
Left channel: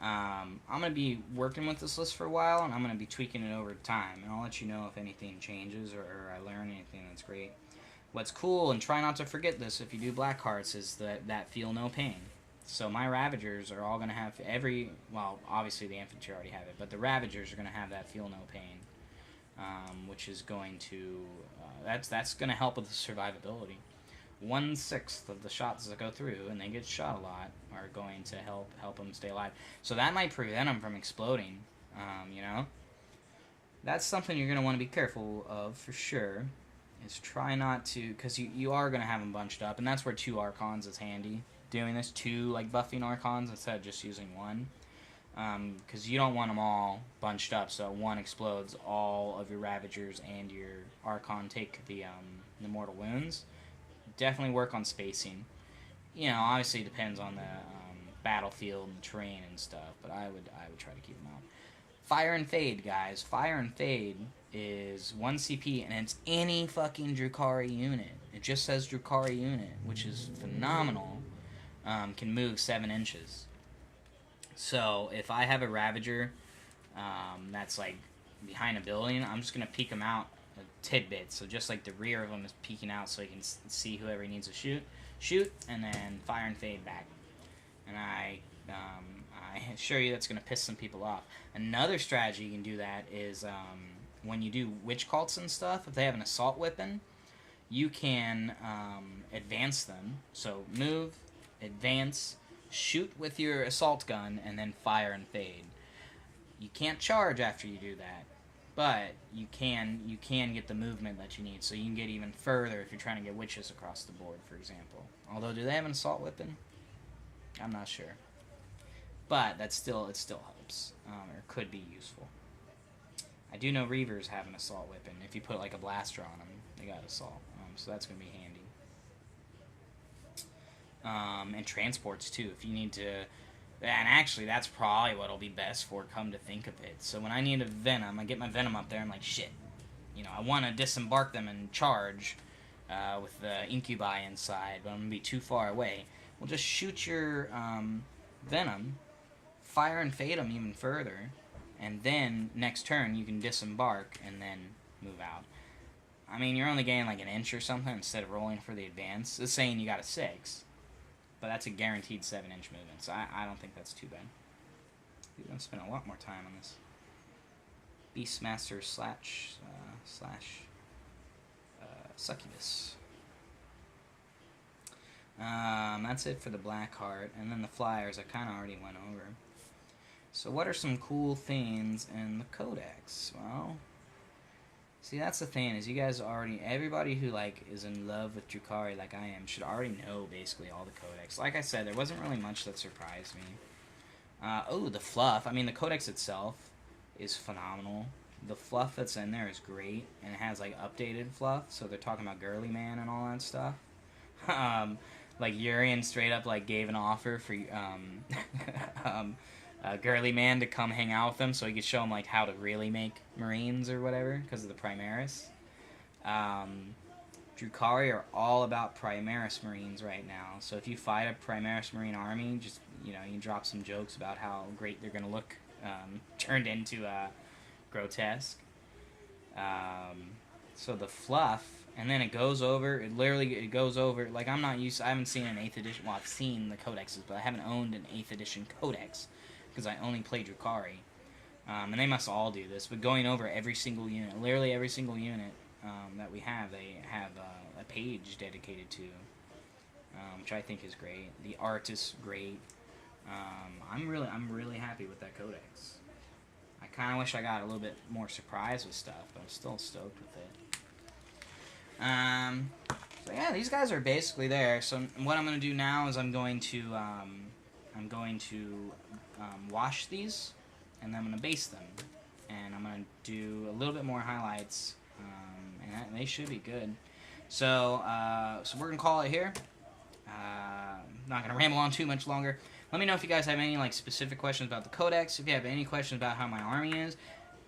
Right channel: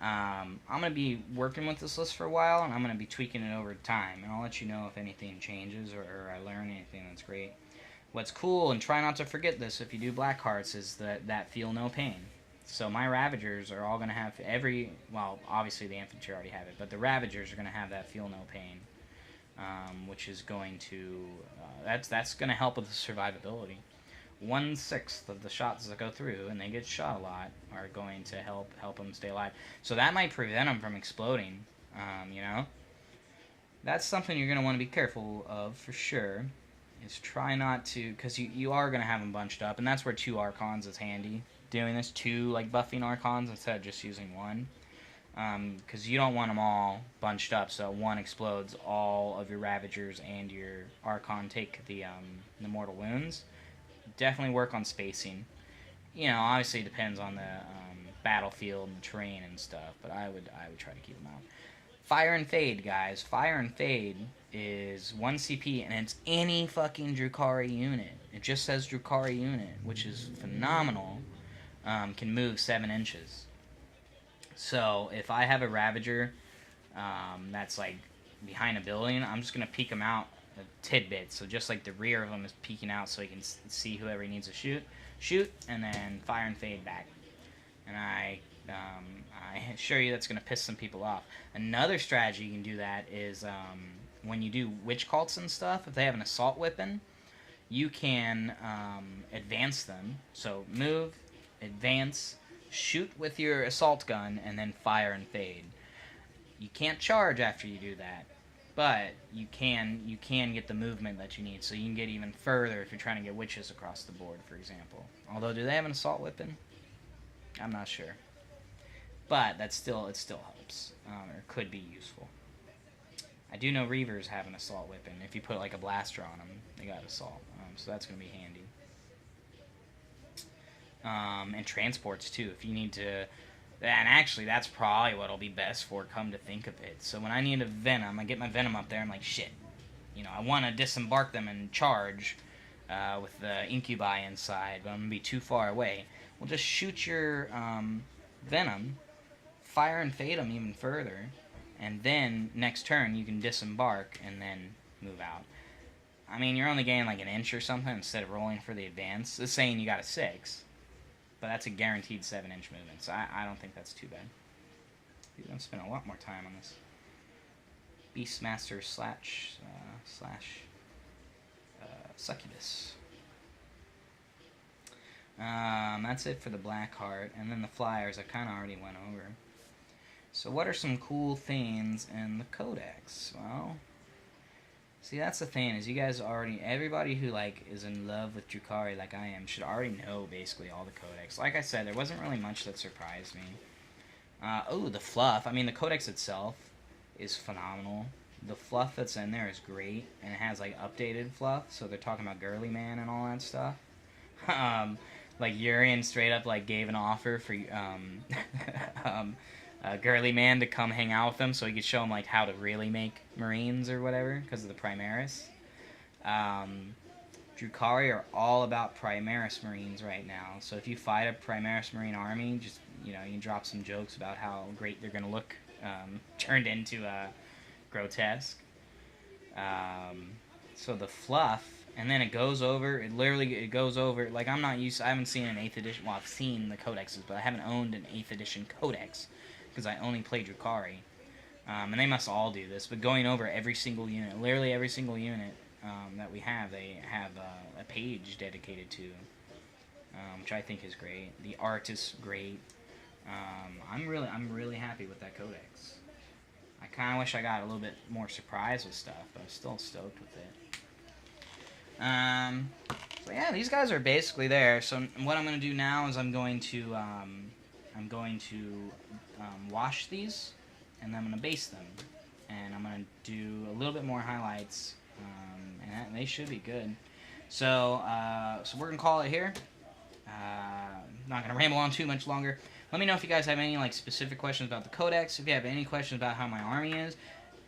I'm going to be working with this list for a while, and I'm going to be tweaking it over time. And I'll let you know if anything changes or I learn anything that's great. What's cool, and try not to forget this if you do Black Hearts, is that feel no pain. So my Ravagers are all going to have well, obviously the infantry already have it, but the Ravagers are going to have that feel no pain, which is going to, that's going to help with the survivability. 1/6 of the shots that go through, and they get shot a lot, are going to help them stay alive. So that might prevent them from exploding, That's something you're going to want to be careful of for sure, is try not to, because you are going to have them bunched up, and that's where 2 Archons is handy. Doing this, 2 buffing Archons instead of just using 1, because you don't want them all bunched up, so 1 explodes, all of your Ravagers and your Archon take the mortal wounds. Definitely work on spacing. Obviously it depends on the battlefield and terrain and stuff, but I would try to keep them out. Fire and Fade, guys. Fire and Fade is 1 CP, and it's any fucking Drukhari unit. It just says Drukhari unit, which is phenomenal. Can move 7 inches. So if I have a Ravager that's like behind a building, I'm just going to peek him out tidbits. So just like the rear of them is peeking out so he can see whoever he needs to shoot, and then fire and fade back. And I assure you that's going to piss some people off. Another strategy you can do that is when you do witch cults and stuff, if they have an assault weapon, you can advance them. So move, advance, shoot with your assault gun, and then fire and fade. You can't charge after you do that, but you can get the movement that you need, so you can get even further if you're trying to get witches across the board, for example. Although, do they have an assault weapon? I'm not sure. But it still helps, or could be useful. I do know Reavers have an assault weapon. If you put like a blaster on them, they got assault, so that's going to be handy. And transports too, if you need to. And actually, that's probably what'll be best for, come to think of it. So when I need a Venom, I get my Venom up there, I'm like, shit. I want to disembark them and charge with the Incubi inside, but I'm going to be too far away. Well, just shoot your Venom, fire and fade them even further, and then next turn you can disembark and then move out. I mean, you're only getting like an inch or something instead of rolling for the advance. It's saying you got a 6. But that's a guaranteed 7-inch movement, so I don't think that's too bad. You're going to spend a lot more time on this. Beastmaster slash Succubus. That's it for the Blackheart, and then the Flyers I kind of already went over. So what are some cool things in the Codex? Well, see, that's the thing, is you guys already, everybody who, like, is in love with Drukhari like I am should already know, basically, all the Codex. Like I said, there wasn't really much that surprised me. Oh, the fluff. I mean, the Codex itself is phenomenal. The fluff that's in there is great, and it has, like, updated fluff, so they're talking about Girly Man and all that stuff. Like, Urian straight up, like, gave an offer for, Girly Man to come hang out with him so he could show him like how to really make Marines or whatever because of the Primaris. Drukhari are all about Primaris Marines right now, so if you fight a Primaris Marine army, just you can drop some jokes about how great they're gonna look turned into grotesque. So the fluff, and then it goes over. It goes over. Like I haven't seen an 8th edition. Well, I've seen the codexes, but I haven't owned an 8th edition codex. Because I only play Drukhari. And they must all do this, but going over every single unit, literally every single unit that we have, they have a page dedicated to, which I think is great. The art is great. I'm really happy with that codex. I kind of wish I got a little bit more surprise with stuff, but I'm still stoked with it. So yeah, these guys are basically there. So what I'm going to do now is I'm going to wash these, and I'm going to base them, and I'm going to do a little bit more highlights, and they should be good. So we're going to call it here. Not going to ramble on too much longer. Let me know if you guys have any specific questions about the Codex. If you have any questions about how my army is,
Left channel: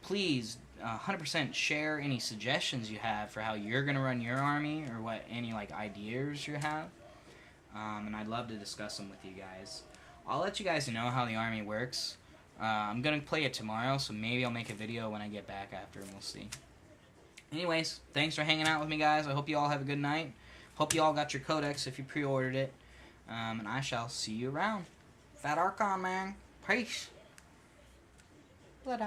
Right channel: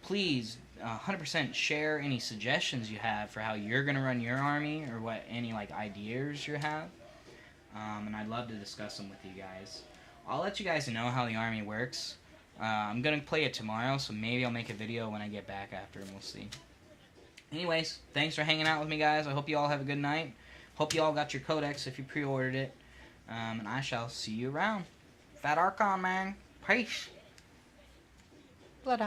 please 100% share any suggestions you have for how you're going to run your army, or what any ideas you have, and I'd love to discuss them with you guys. I'll let you guys know how the army works. I'm going to play it tomorrow, so maybe I'll make a video when I get back after, and we'll see. Anyways, thanks for hanging out with me, guys. I hope you all have a good night. Hope you all got your codex if you pre-ordered it. And I shall see you around. Fat Archon, man. Peace. Blood out.